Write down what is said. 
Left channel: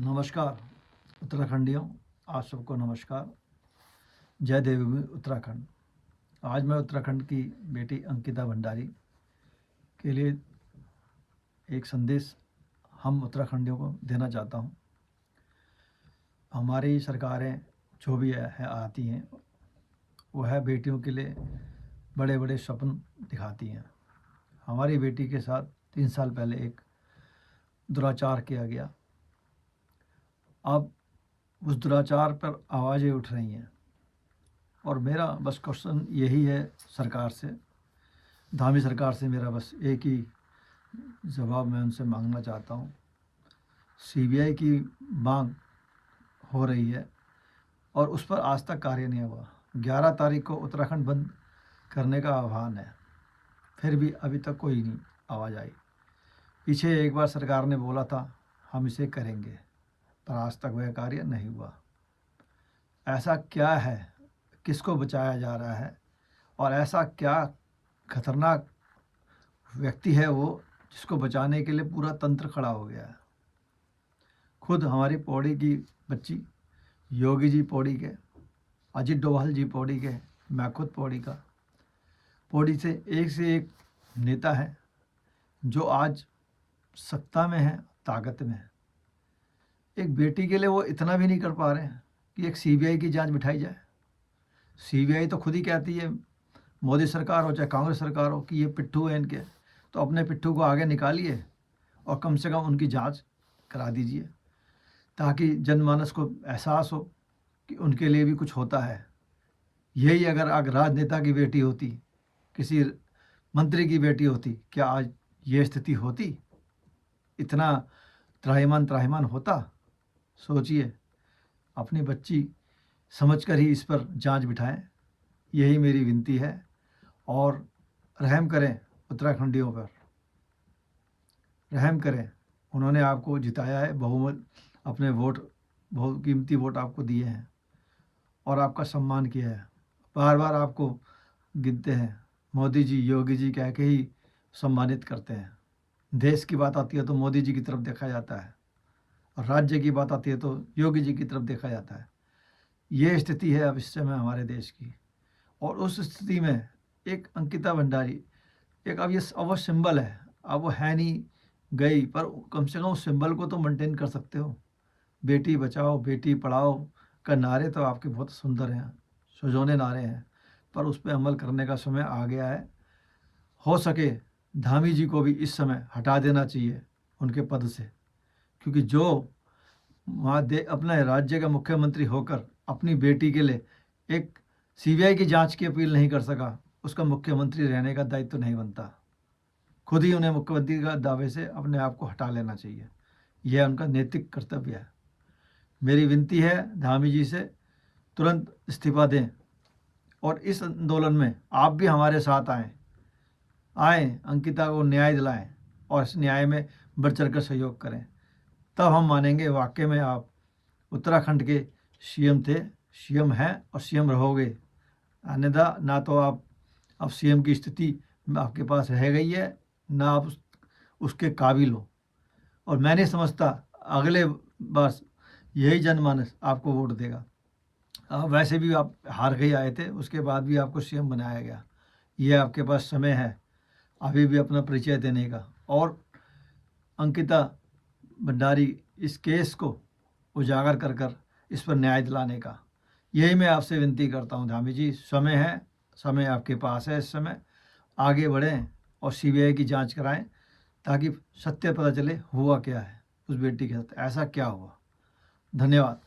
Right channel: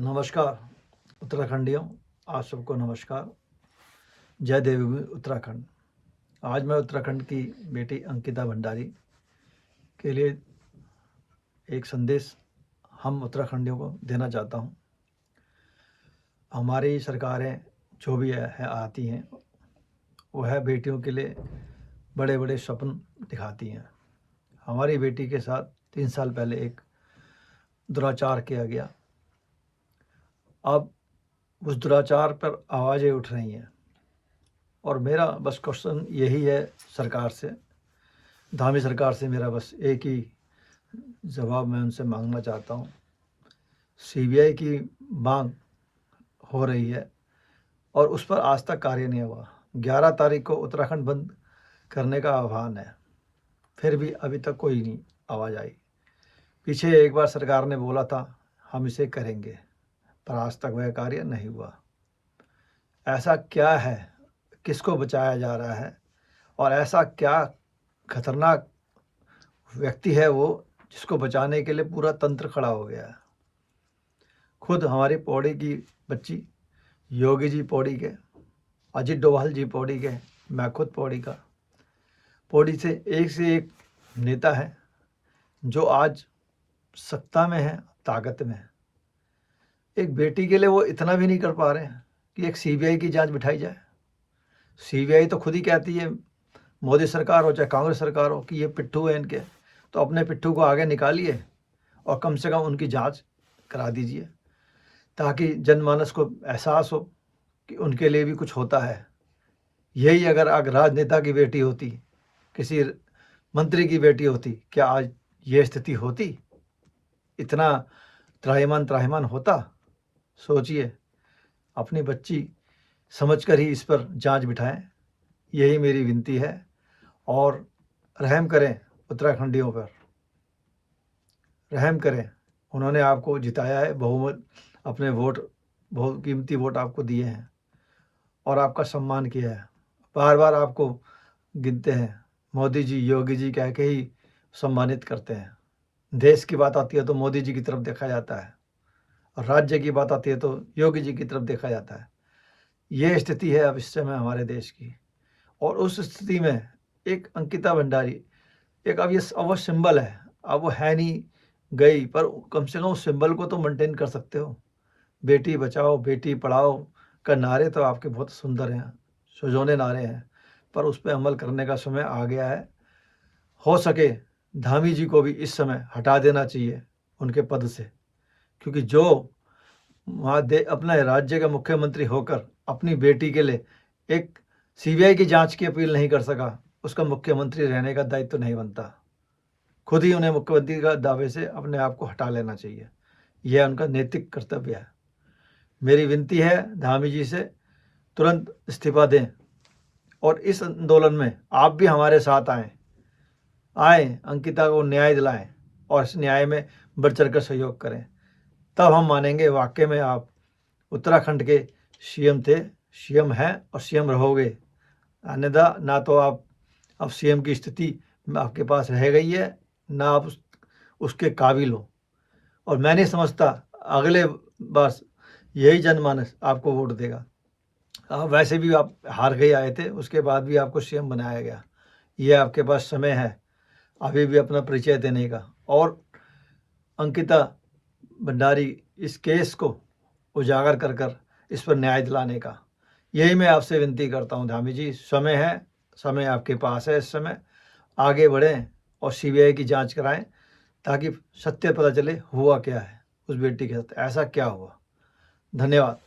नमस्कार उत्तराखंडियों, आप सबको नमस्कार। जय देवभूमि उत्तराखंड। आज मैं उत्तराखंड की बेटी अंकिता भंडारी के लिए एक संदेश हम उत्तराखंडियों को देना चाहता हूं। हमारी सरकारें जो भी है आती हैं, वह बेटियों के लिए बड़े बड़े स्वप्न दिखाती हैं। हमारी बेटी के साथ 3 साल पहले एक दुराचार किया गया। अब उस दुराचार पर आवाज़ें उठ रही हैं और मेरा बस क्वेश्चन यही है सरकार से, धामी सरकार से मेरा बस एक ही जवाब मैं उनसे मांगना चाहता हूँ। सीबीआई की मांग हो रही है और उस पर आज तक कार्य नहीं हुआ। 11 तारीख को उत्तराखंड बंद करने का आह्वान है, फिर भी अभी तक कोई नहीं आवाज़ आई। पीछे एक बार सरकार ने बोला था हम इसे करेंगे, पर आज तक वह कार्य नहीं हुआ। ऐसा क्या है, किसको बचाया जा रहा है और ऐसा क्या खतरनाक व्यक्ति है वो जिसको बचाने के लिए पूरा तंत्र खड़ा हो गया है। खुद हमारी पौड़ी की बच्ची योगी जी पौड़ी के, अजित डोभाल जी पौड़ी के, मैं खुद पौड़ी का। पौड़ी से एक नेता है जो आज सत्ता में है, ताकत में है। एक बेटी के लिए वो इतना भी नहीं कर पा रहे हैं कि एक सीबीआई की जांच बिठाई जाए। सीबीआई तो खुद ही कहती है, मोदी सरकार हो चाहे कांग्रेस सरकार हो, कि ये पिट्ठू है इनके, तो अपने पिट्ठू को आगे निकालिए और कम से कम उनकी जांच करा दीजिए, ताकि जनमानस को एहसास हो कि उनके लिए भी कुछ होता है। यही अगर राजनेता की बेटी होती, किसी मंत्री की बेटी होती, क्या आज ये स्थिति होती? इतना त्राहिमाम होता? सोचिए, अपनी बच्ची समझकर ही इस पर जांच बिठाएं, यही मेरी विनती है। और रहम करें उत्तराखंडियों पर, रहम करें। उन्होंने आपको जिताया है, बहुमत अपने वोट, बहुत कीमती वोट आपको दिए हैं और आपका सम्मान किया है। बार बार आपको गिनते हैं, मोदी जी योगी जी कह के ही सम्मानित करते हैं। देश की बात आती है तो मोदी जी की तरफ देखा जाता है और राज्य की बात आती है तो योगी जी की तरफ देखा जाता है। ये स्थिति है अब इस समय हमारे देश की। और उस स्थिति में एक अंकिता भंडारी, एक अब वो सिंबल है, अब वो है नहीं, गई, पर कम से कम उस सिंबल को तो मेंटेन कर सकते हो। बेटी बचाओ बेटी पढ़ाओ का नारे तो आपके बहुत सुंदर हैं, सुजोने नारे हैं, पर उस पर अमल करने का समय आ गया है। हो सके धामी जी को भी इस समय हटा देना चाहिए उनके पद से, क्योंकि जो वहाँ अपने राज्य का मुख्यमंत्री होकर अपनी बेटी के लिए एक सीबीआई की जांच की अपील नहीं कर सका, उसका मुख्यमंत्री रहने का दायित्व नहीं बनता। खुद ही उन्हें मुख्यमंत्री का दावे से अपने आप को हटा लेना चाहिए। यह उनका नैतिक कर्तव्य है। मेरी विनती है धामी जी से, तुरंत इस्तीफा दें और इस आंदोलन में आप भी हमारे साथ आए, अंकिता को न्याय दिलाएं और इस न्याय में बढ़ चढ़ कर सहयोग करें। तब हम मानेंगे वाकई में आप उत्तराखंड के सीएम थे, सीएम हैं और सीएम रहोगे। अन्यथा ना तो आप अब सीएम की स्थिति आपके पास रह गई है, ना आप उसके काबिल हो। और मैं नहीं समझता अगले बार यही जनमानस आपको वोट देगा। वैसे भी आप हार गए आए थे, उसके बाद भी आपको सीएम बनाया गया। ये आपके पास समय है अभी भी अपना परिचय देने का और अंकिता भंडारी इस केस को उजागर कर इस पर न्याय दिलाने का। यही मैं आपसे विनती करता हूँ धामी जी, समय है, समय आपके पास है। इस समय आगे बढ़ें और सीबीआई की जांच कराएं, ताकि सत्य पता चले हुआ क्या है उस बेटी के साथ, ऐसा क्या हुआ। धन्यवाद।